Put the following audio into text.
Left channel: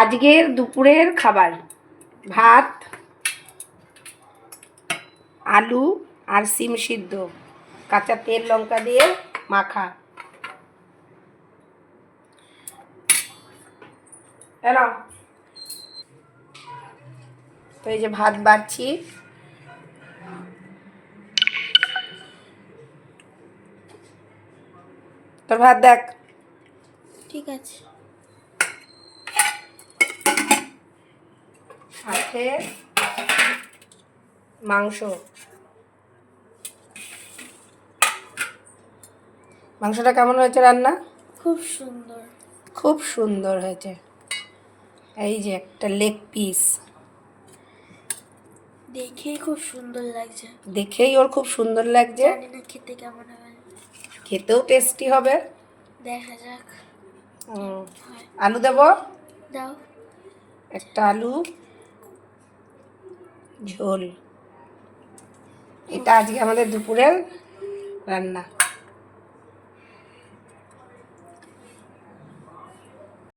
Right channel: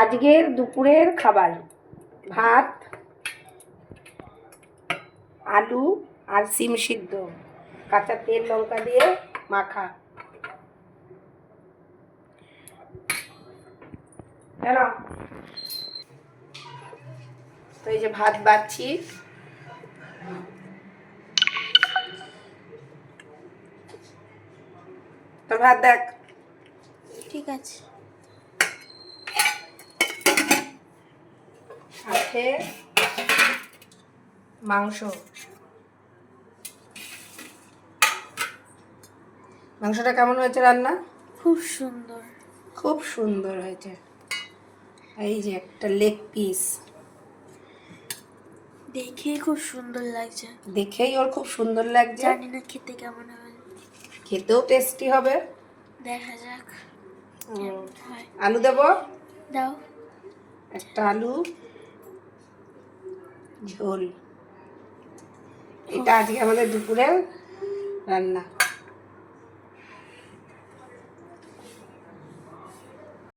আজকের দুপুরের খাবার ভাত, আলু আর সিম সিদ্ধ, কাঁচা তেল লঙ্কা দিয়ে মাখা। হ্যালো, তো এই যে ভাত বাড়ছি। তোর ভাত দেখ। ঠিক আছে। সাথে মাংস। মাংসটা কেমন হয়েছে রান্না? খুব সুন্দর, খুব সুন্দর হয়েছে। এই যে একটা লেগ পিস, দেখেই খুব সুন্দর লাগছে। দেখেই ওর খুব সুন্দর লাগছে। জানি না খেতে কেমন হবে, খেতেও টেস্টি হবে। দেখা যাক। হয় আলু দেবো, দাও। একটা আলু ঝোল। এটা আজকে আমাদের দুপুরের রান্না।